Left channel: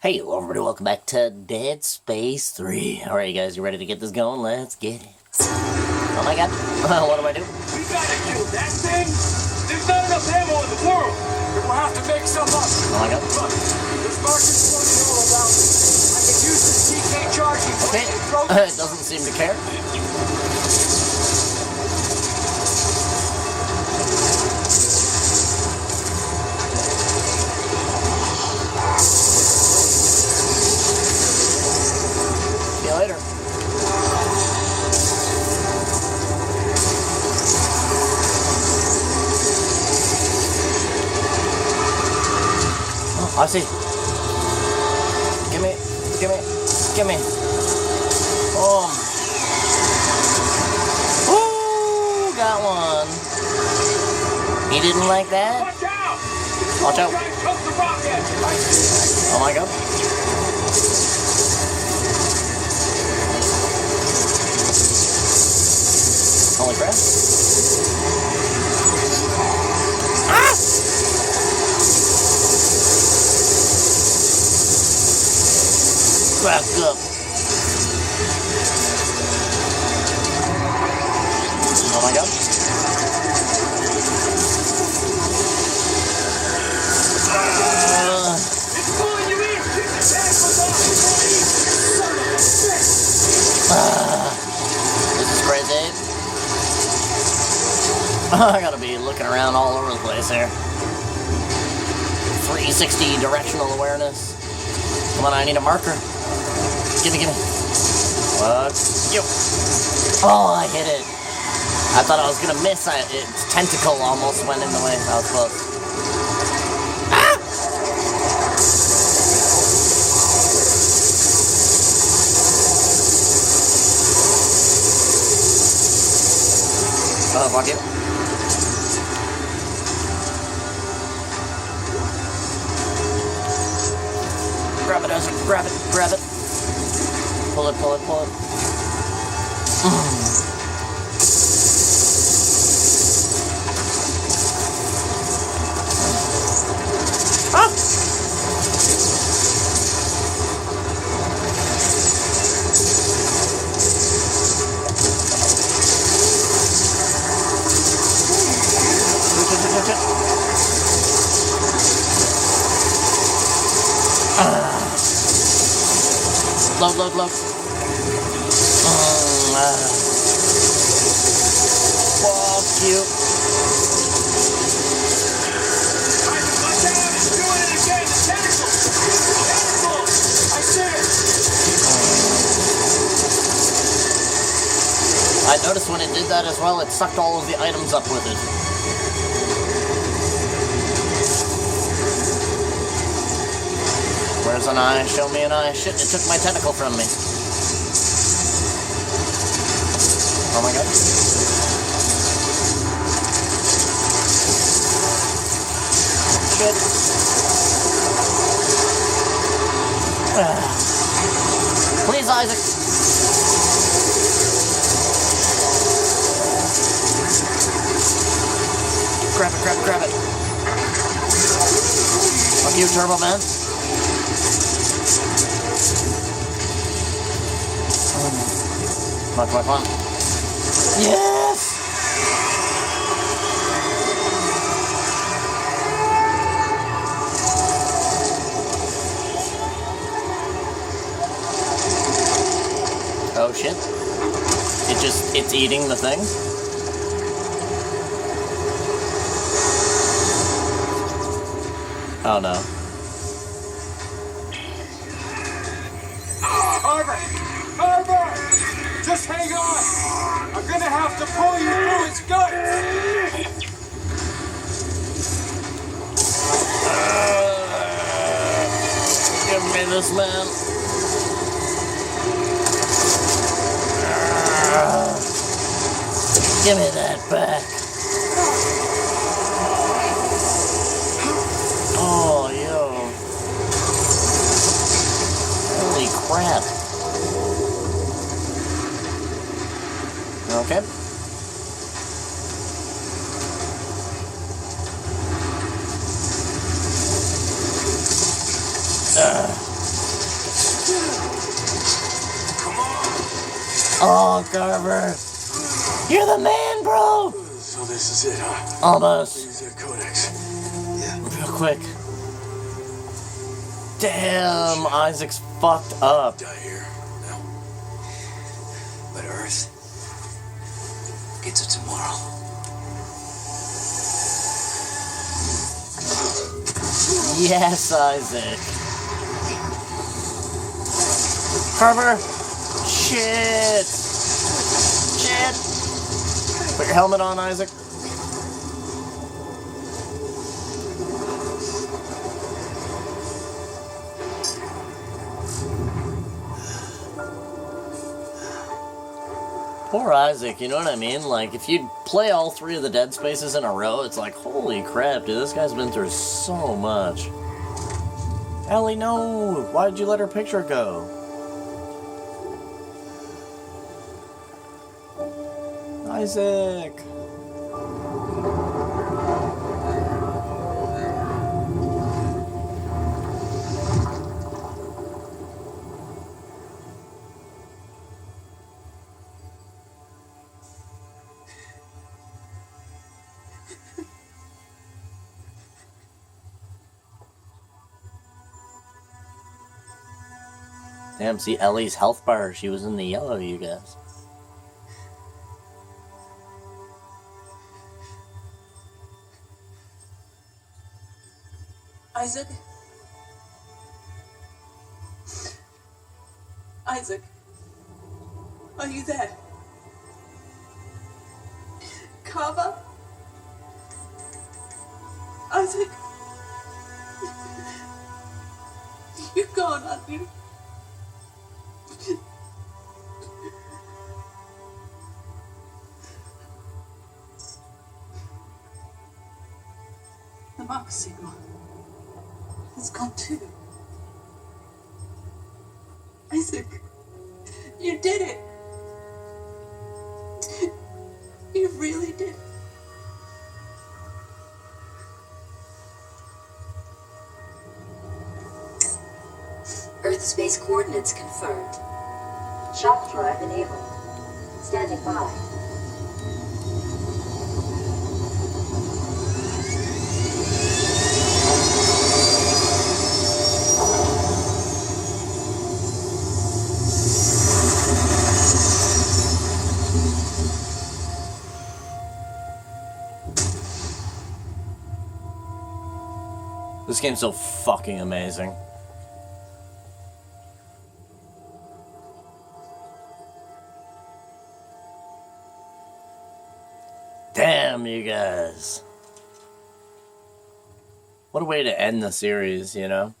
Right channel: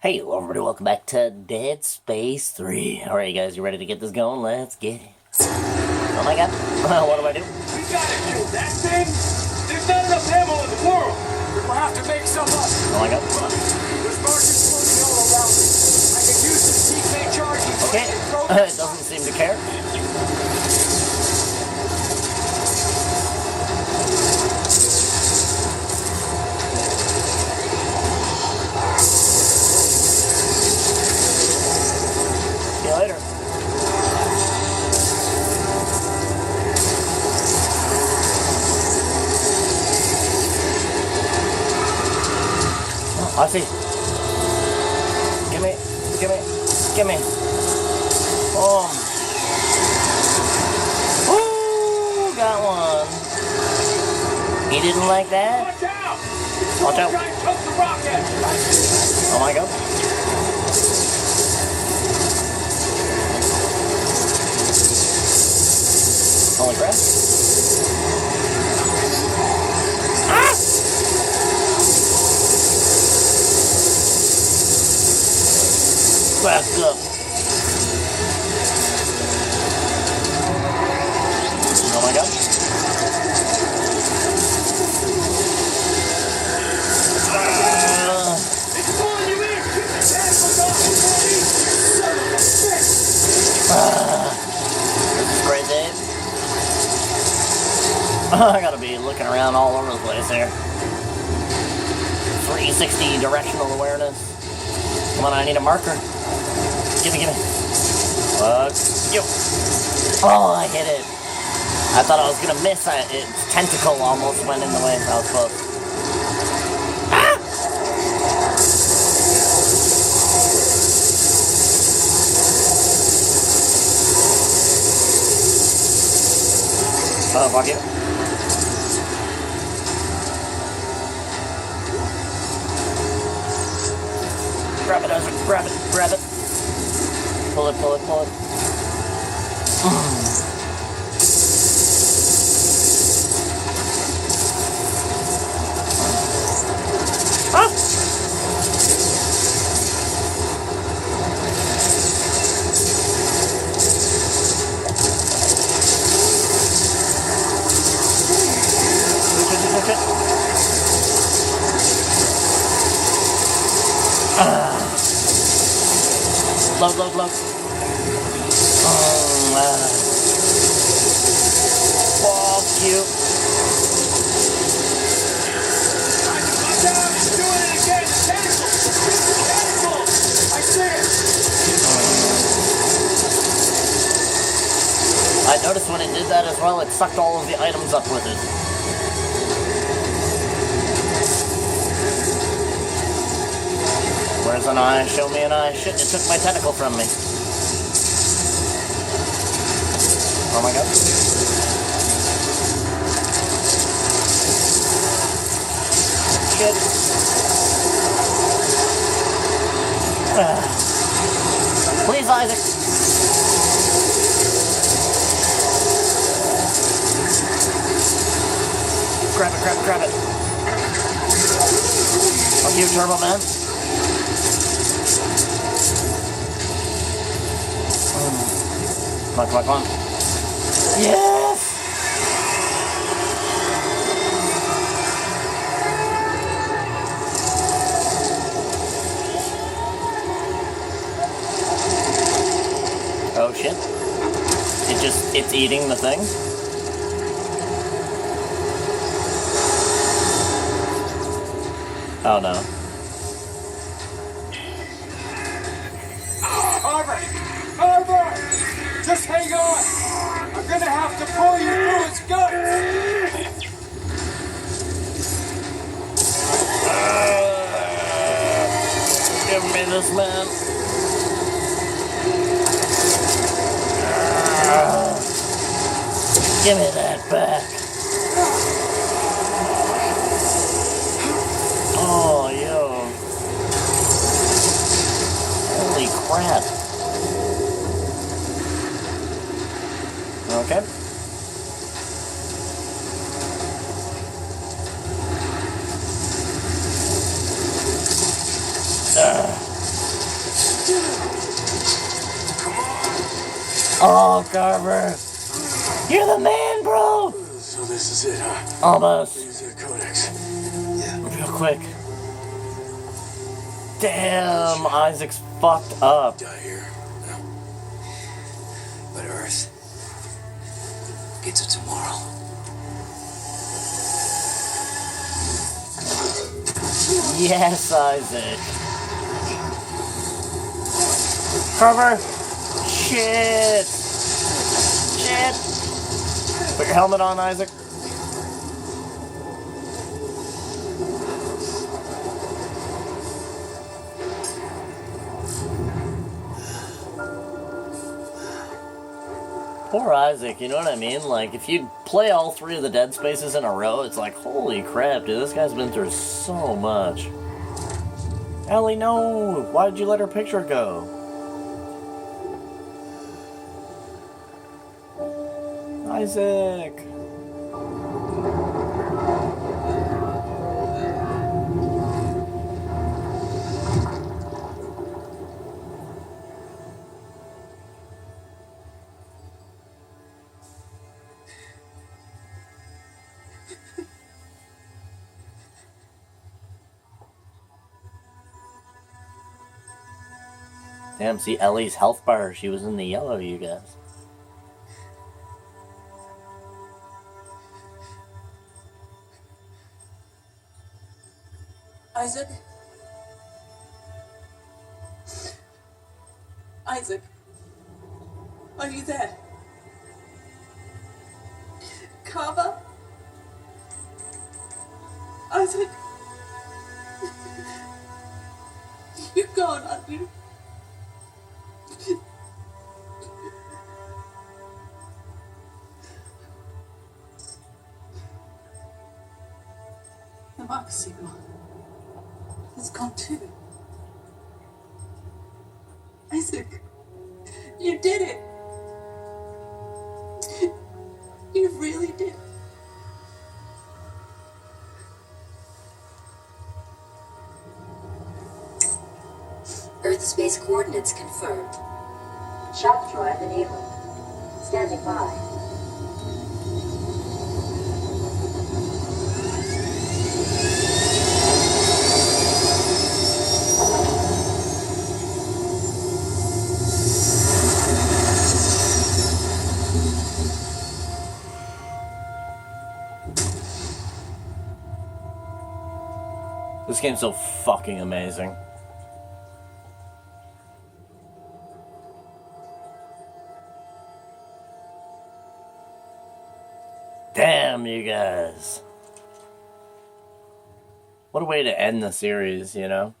Hey, hello everybody, welcome back to Dead Space 3. Alright guys, you ready to get this going? Let's get it. Oh my god, what do I do? We gotta kill that thing! There's not enough ammo in the world! We'll have to make some up! Oh my god. Look, there's markings floating all around me. I can use this TK charging Okay, point and throw it doesn't seem to care. See you later. Oh, I see. Gimme. Boom. Ooh, got one. You didn't like that? Watch out! Watch out. Try and cook the rocket! Oh my god. Holy crap. Back up. Oh my god. It's pulling you in! Get the tackles off! Son of a bitch! This is crazy. I gotta be looking around all over the place here. 360 directional awareness. Come on, I need a marker. Gimme. Yo. Oh, I hit it. I thought I was gonna miss. Its tentacle almost went in the way. I was close. Ah! Oh, fuck it. Grab it, Isaac. Grab it. Pull it. Ah! Push it. Load. Fuck you. Watch out! It's doing it again! Tentacles! I see it! I noticed when it did that as well, it sucked all of the items up with it. Where's an eye? Show me an eye. Shit, it took my tentacle from me. Oh my god. Shit. Please, Isaac. Grab it. Fuck you, Turbo Man. Come on. Yes! Oh shit. It's eating the thing. Oh no. Arbor! Just hang on! I'm gonna have to pull you through its guts! Give me this, man. Give me that back. Oh, yo. Holy crap. Okay. Oh, Carver. You're the man, bro. So this is it, huh? Almost. Use their codex. Real quick. Damn, Isaac's fucked up. Die here. No. But Earth gets it tomorrow. Yes, Isaac. Carver. Shit. Shit. Put your helmet on, Isaac. Poor Isaac, you know what I mean? Like, if you play all 3 of the Dead Spaces in a row, it's like, holy crap, dude, this guy's been through so much. Ellie, no! Why did you let her picture go? Isaac! Damn, see Ellie's health bar, she was in the yellow, you guys. Isaac? Isaac? Are you there? Kava? Isaac? You're gone, aren't you? The Mark signal has gone too. Isaac, you did it. You really did. Earth space coordinates confirmed. Shock drive enabled. Standing by. This game's so fucking amazing. Damn, you guys. What a way to end the series, you know?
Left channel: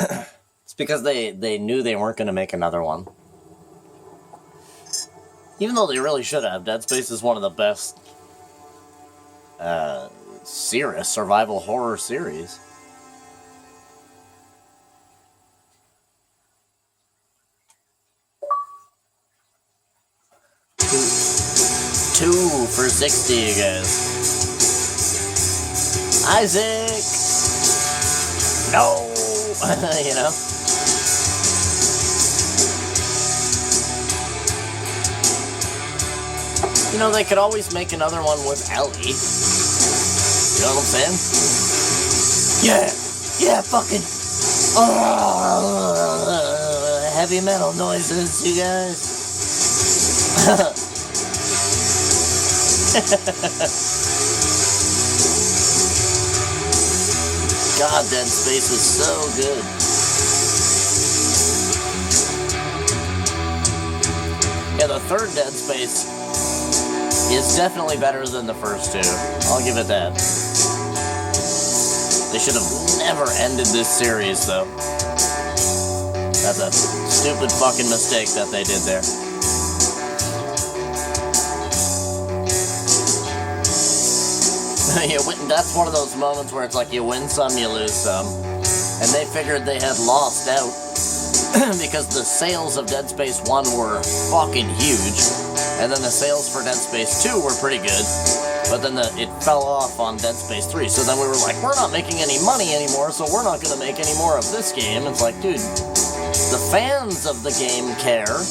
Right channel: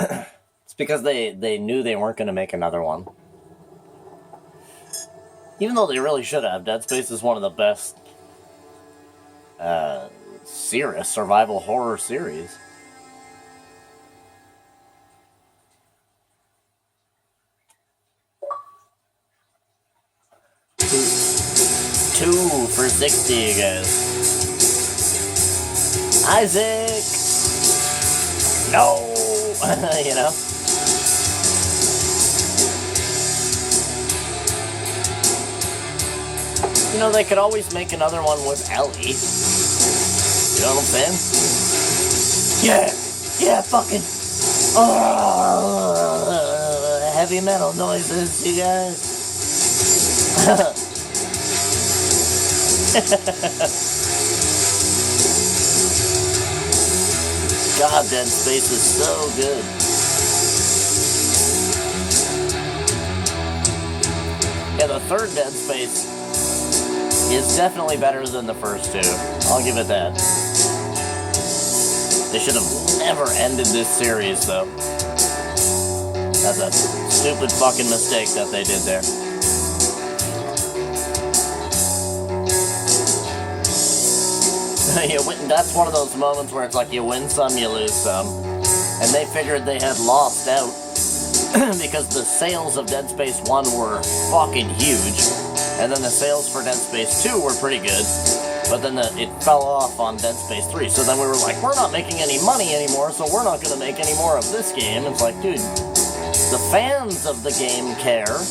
It's because they knew they weren't going to make another one. Even though they really should have. Dead Space is one of the best serious survival horror series. Two for 60, you guys. Isaac! No! You know? You know, they could always make another one with Ellie. You know what I'm saying? Yeah! Yeah, fucking... Oh, heavy metal noises, you guys. God, Dead Space was so good. Yeah, the third Dead Space is definitely better than the first two. I'll give it that. They should have never ended this series, though. That's a stupid fucking mistake that they did there. That's one of those moments where it's like you win some, you lose some. And they figured they had lost out because the sales of Dead Space 1 were fucking huge. And then the sales for Dead Space 2 were pretty good. But then it fell off on Dead Space 3. So then we were like, we're not making any money anymore, so we're not going to make any more of this game. It's like, dude, the fans of the game care.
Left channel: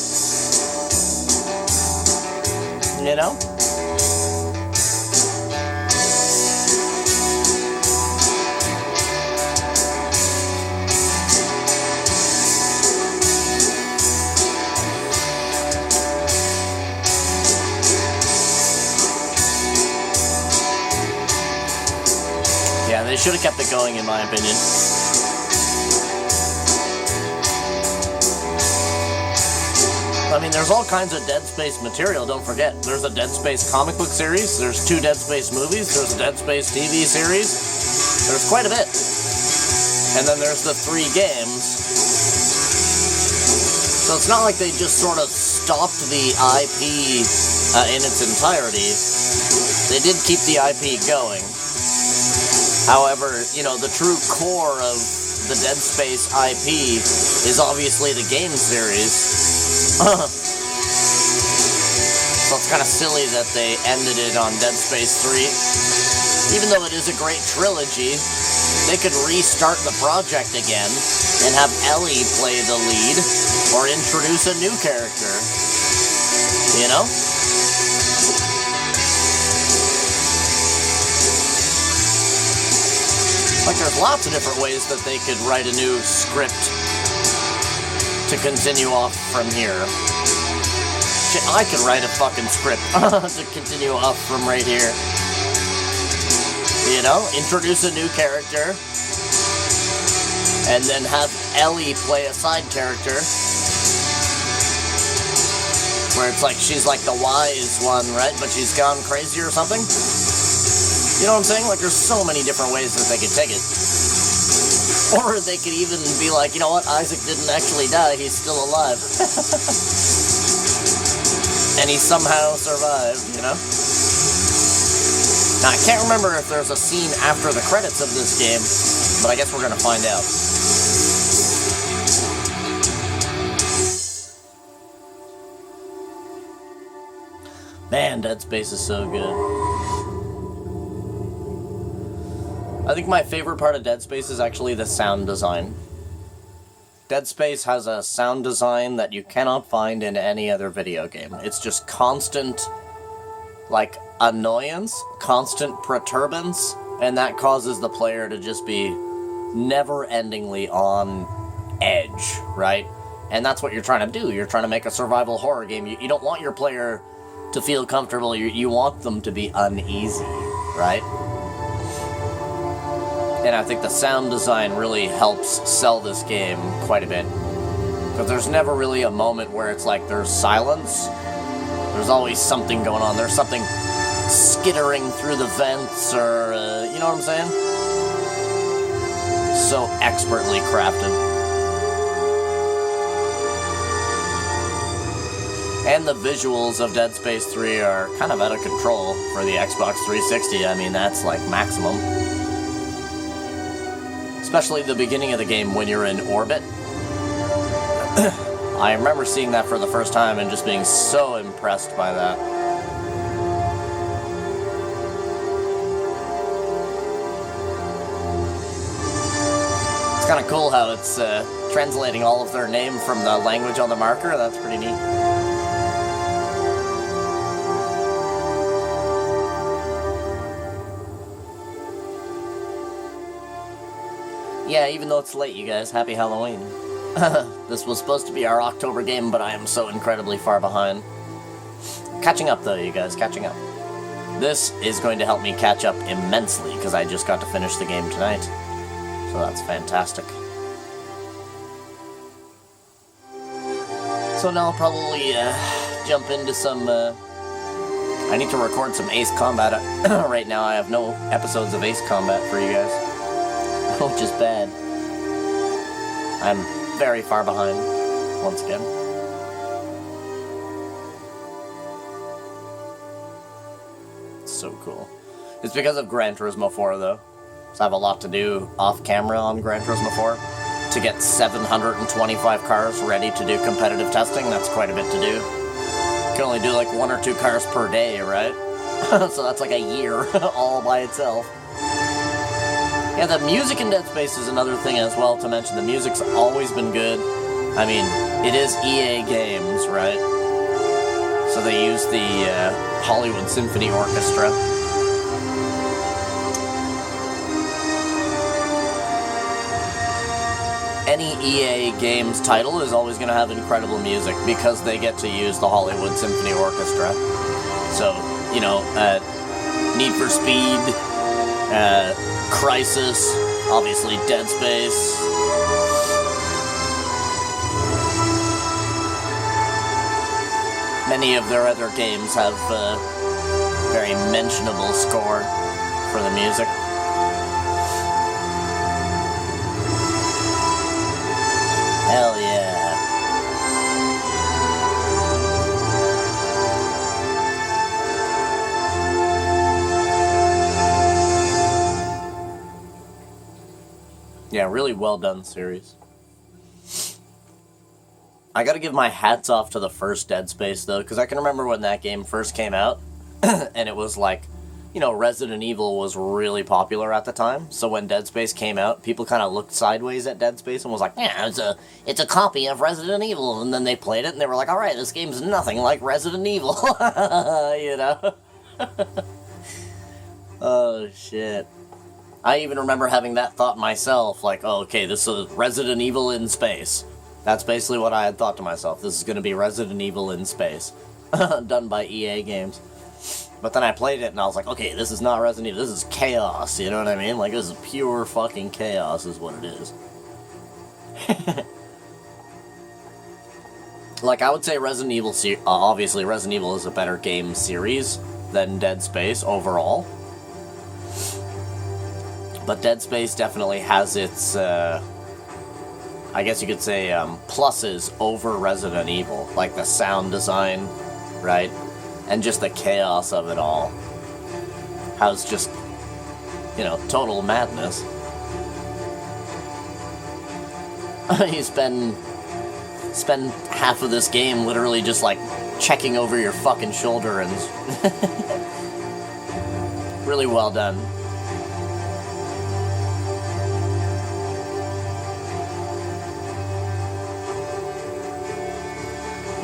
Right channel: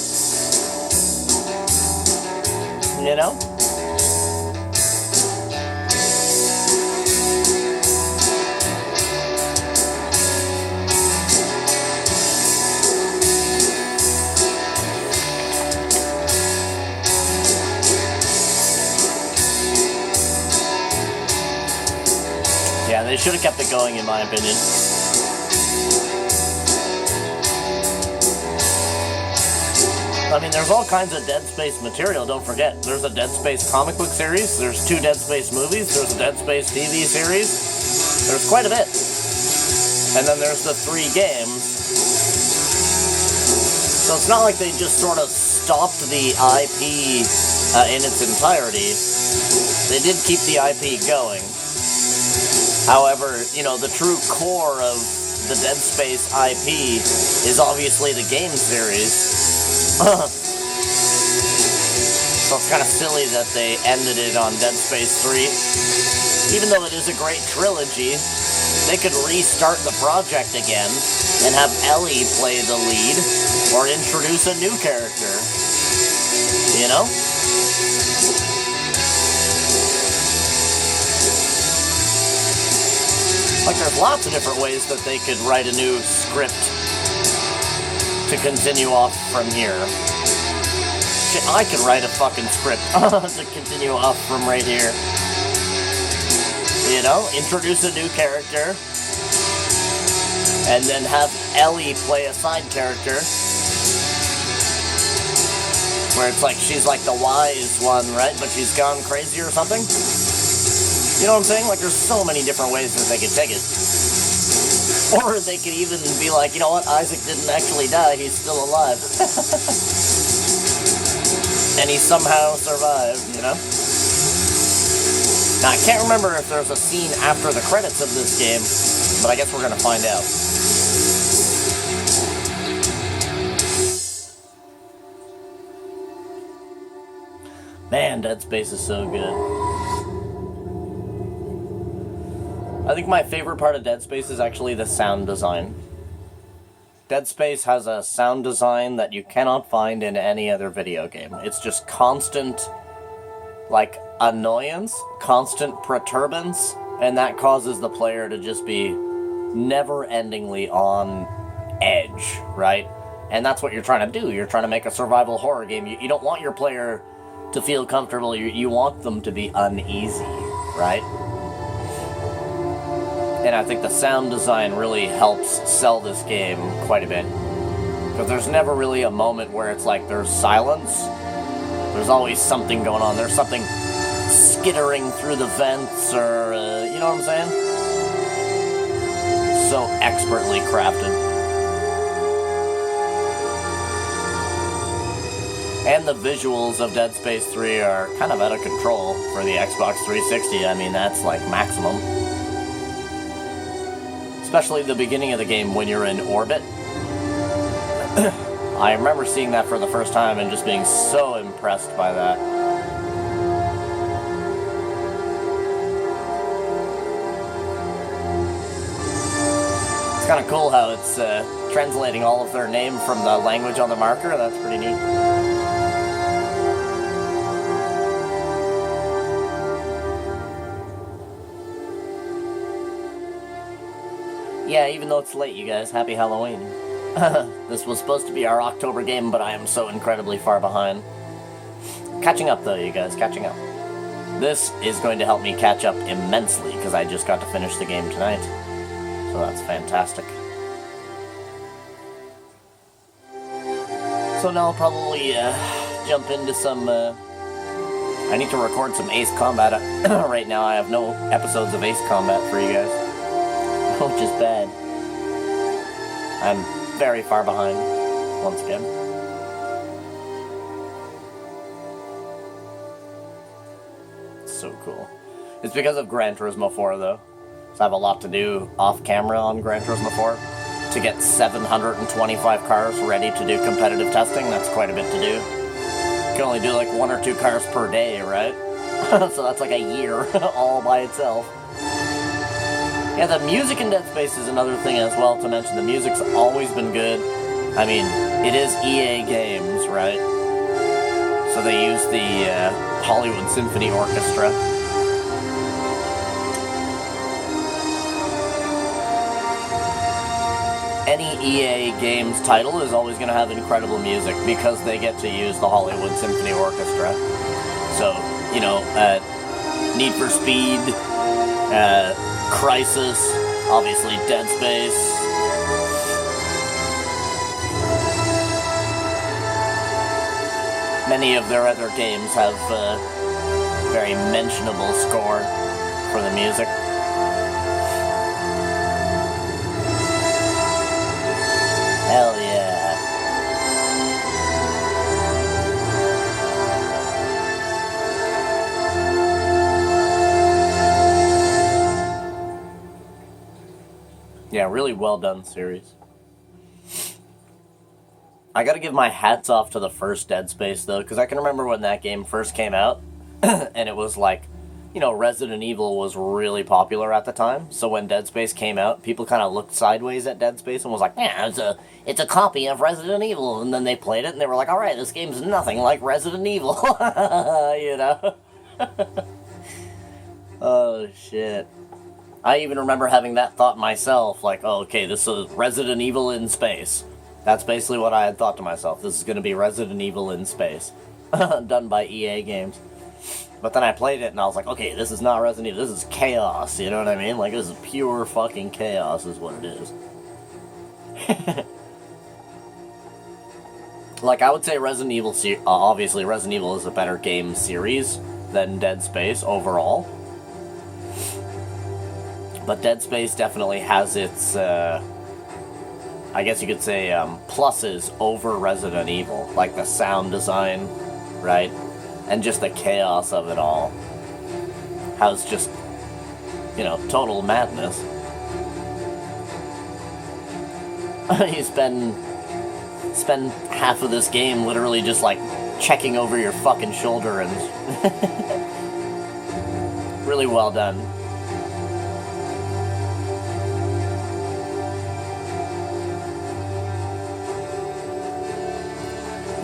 You know? Yeah, they should have kept it going, in my opinion. I mean, there's all kinds of Dead Space material, don't forget. There's a Dead Space comic book series, there's 2 Dead Space movies, there's a Dead Space TV series. There's quite a bit. And then there's the 3 games. So it's not like they just sort of stopped the IP in its entirety. They did keep the IP going. However, you know, the true core of the Dead Space IP is obviously the game series. So it's kind of silly that they ended it on Dead Space 3. Even though it is a great trilogy, they could restart the project again and have Ellie play the lead or introduce a new character. You know? Like, there's lots of different ways that they could write a new script to continue off from here. Shit, I could write a fucking script to continue off from right here. You know, introduce a new character, and then have Ellie play a side character, where it's like, she's like the wise one, right? But she's gone crazy or something? You know what I'm saying? Like, there's so many different ways that they could take it. Or they could even be like, you know what, Isaac didn't actually die, he's still alive. And he somehow survived, you know? Now, I can't remember if there's a scene after the credits of this game, but I guess we're gonna find out. Man, Dead Space is so good. I think my favorite part of Dead Space is actually the sound design. Dead Space has a sound design that you cannot find in any other video game. It's just constant, like, annoyance, constant perturbance, and that causes the player to just be never-endingly on edge, right? And that's what you're trying to do. You're trying to make a survival horror game. You don't want your player to feel comfortable. You want them to be uneasy, right? And I think the sound design really helps sell this game quite a bit. Because there's never really a moment where it's like there's silence. There's always something going on. There's something skittering through the vents, or, you know what I'm saying? So expertly crafted. And the visuals of Dead Space 3 are kind of out of control for the Xbox 360. I mean, that's like maximum. Especially the beginning of the game when you're in orbit. I remember seeing that for the first time and just being so impressed by that. It's kind of cool how it's translating all of their name from the language on the marker. That's pretty neat. Yeah, even though it's late, you guys, happy Halloween. This was supposed to be our October game, but I am so incredibly far behind. Catching up, though, you guys, catching up. This is going to help me catch up immensely, because I just got to finish the game tonight. So that's fantastic. So now I'll probably jump into some... I need to record some Ace Combat. Right now I have no episodes of Ace Combat for you guys. Which is bad. I'm very far behind, once again. So cool. It's because of Gran Turismo 4, though. So I have a lot to do off-camera on Gran Turismo 4 to get 725 cars ready to do competitive testing. That's quite a bit to do. You can only do like 1 or 2 cars per day, right? So that's like a year all by itself. Yeah, the music in Dead Space is another thing as well to mention. The music's always been good. I mean, it is EA Games, right? So they use the Hollywood Symphony Orchestra. Any EA games title is always going to have incredible music because they get to use the Hollywood Symphony Orchestra. So, you know, Need for Speed, Crysis, obviously Dead Space. Many of their other games have a very mentionable score for the music. Hell yeah. Yeah, really well done series. I gotta give my hats off to the first Dead Space, though, because I can remember when that game first came out, and it was like, you know, Resident Evil was really popular at the time, so when Dead Space came out, people kind of looked sideways at Dead Space and was like, yeah, it's a copy of Resident Evil, and then they played it, and they were like, alright, this game's nothing like Resident Evil, you know? Oh, shit. I even remember having that thought myself, like, oh, okay, this is Resident Evil in space. That's basically what I had thought to myself. This is going to be Resident Evil in space. Done by EA Games. But then I played it and I was like, okay, this is not Resident Evil. This is chaos, you know what I mean? Like, this is pure fucking chaos is what it is. Like, I would say Resident Evil, obviously Resident Evil is a better game series than Dead Space overall. But Dead Space definitely has its, I guess you could say, pluses over Resident Evil. Like the sound design, right? And just the chaos of it all. How it's just, you know, total madness. You spend half of this game literally just, like, checking over your fucking shoulder and... Really well done.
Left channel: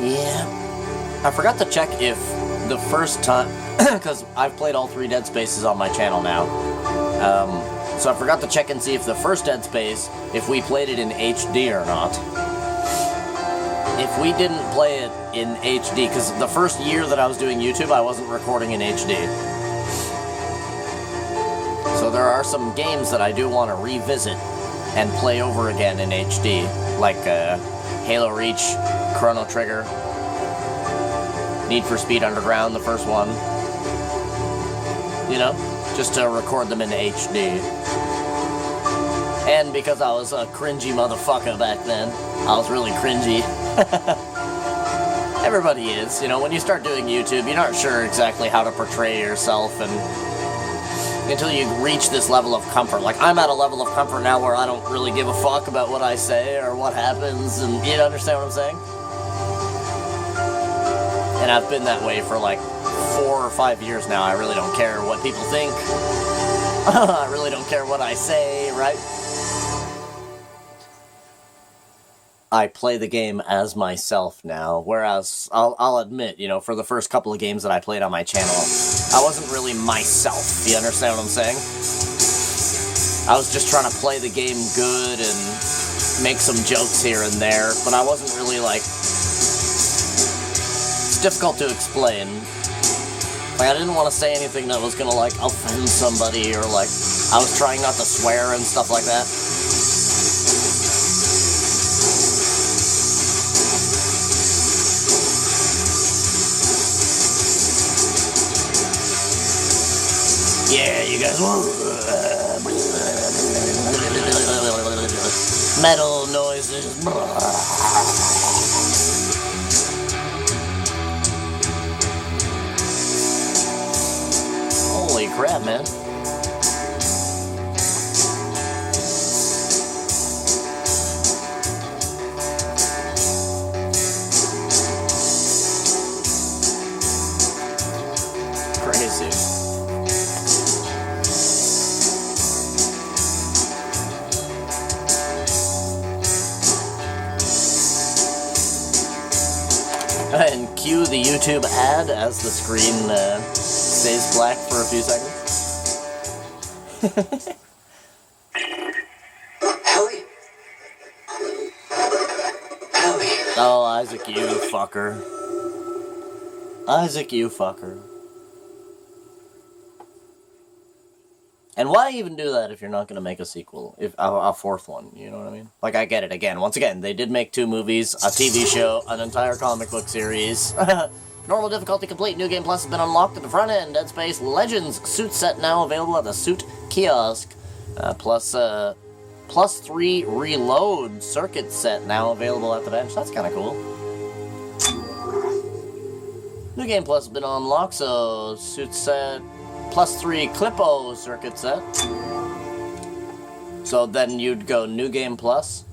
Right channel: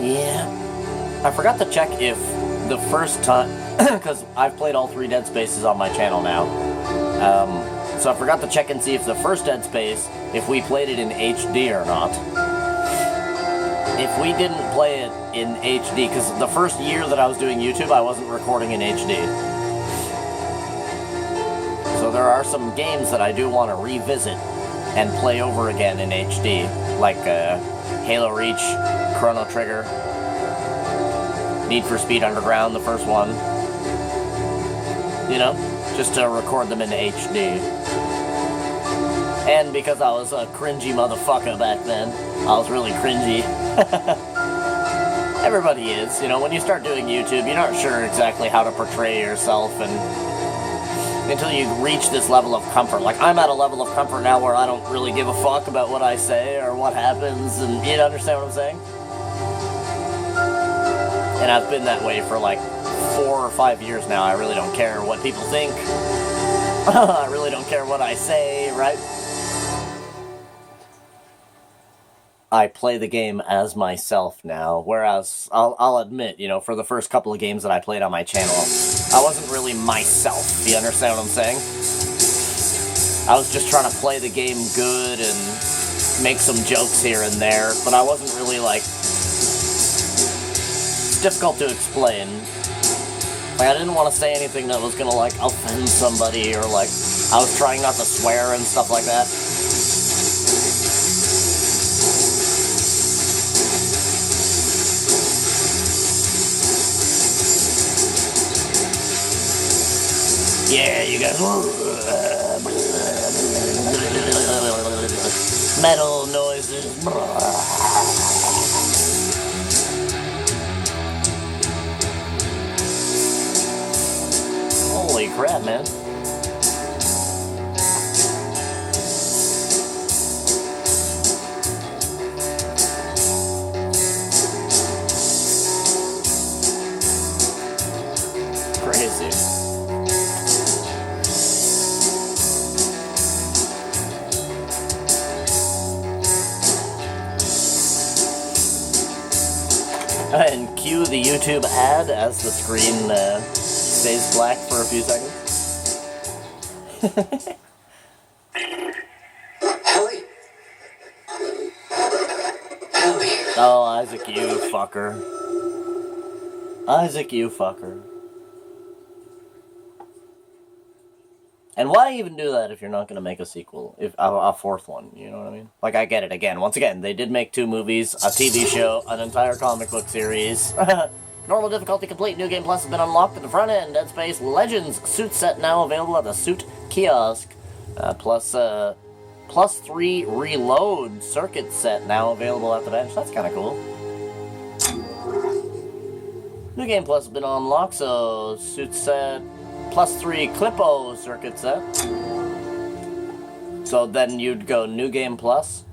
Yeah. I forgot to check if the first time, because I've played all 3 Dead Spaces on my channel now, so I forgot to check and see if the first Dead Space, if we played it in HD or not. If we didn't play it in HD, because the first year that I was doing YouTube, I wasn't recording in HD. So there are some games that I do want to revisit and play over again in HD, like Halo Reach, Chrono Trigger, Need for Speed Underground, the first one. You know, just to record them in HD. And because I was a cringy motherfucker back then, I was really cringy. Everybody is, you know, when you start doing YouTube, you're not sure exactly how to portray yourself, and until you reach this level of comfort. Like, I'm at a level of comfort now where I don't really give a fuck about what I say or what happens, and you understand what I'm saying? And I've been that way for like 4 or 5 years now. I really don't care what people think. I really don't care what I say, right? I play the game as myself now, whereas I'll admit, you know, for the first couple of games that I played on my channel, I wasn't really myself. You understand what I'm saying? I was just trying to play the game good and make some jokes here and there, but I wasn't really like... It's difficult to explain. Like, I didn't want to say anything that was gonna, like, offend somebody, or, like, I was trying not to swear and stuff like that. Yeah, you guys... Metal noises... Holy crap, man. Crazy. And cue the YouTube ad as the screen stays black for a few seconds. Ellie? Ellie. Oh, Isaac, you fucker. Isaac, you fucker. And why even do that if you're not going to make a sequel? If a fourth one, you know what I mean? Like, I get it. Again, once again, they did make 2 movies, a TV show, an entire comic book series. Normal difficulty complete. New Game Plus has been unlocked at the front end. Dead Space Legends suit set now available at the suit kiosk. Plus 3 reload circuit set now available at the bench. That's kind of cool. New Game Plus has been unlocked, so suit set... plus 3 Clippo circuit set. So then you'd go New Game Plus,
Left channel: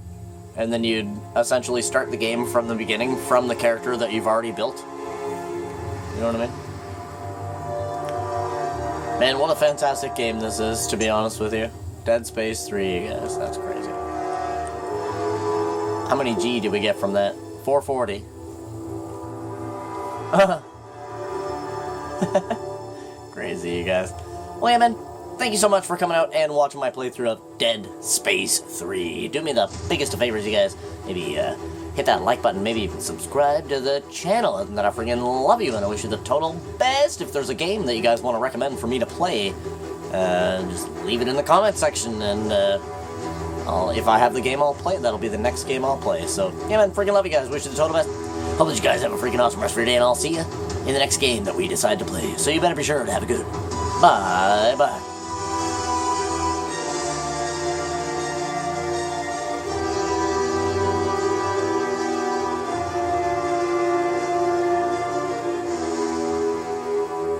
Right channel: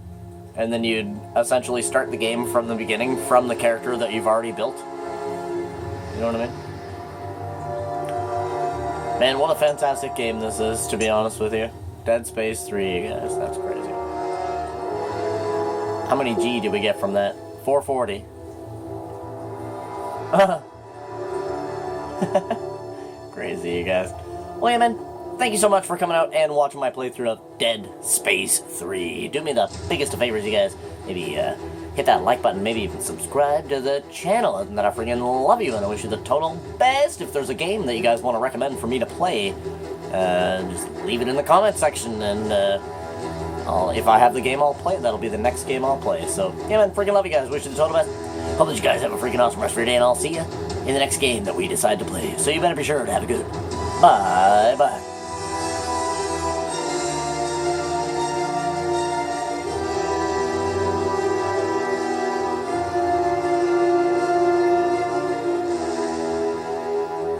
and then you'd essentially start the game from the beginning, from the character that you've already built. You know what I mean? Man, what a fantastic game this is, to be honest with you. Dead Space 3, guys, that's crazy. How many G did we get from that? 440. Crazy, you guys. Well, yeah, man, thank you so much for coming out and watching my playthrough of Dead Space 3. Do me the biggest of favors, you guys. Maybe hit that like button, maybe even subscribe to the channel. And that I freaking love you, and I wish you the total best. If there's a game that you guys want to recommend for me to play, just leave it in the comment section, and if I have the game I'll play, that'll be the next game I'll play. So, yeah, man, freaking love you guys. Wish you the total best. Hope that you guys have a freaking awesome rest of your day, and I'll see you in the next game that we decide to play. So you better be sure to have a good bye-bye.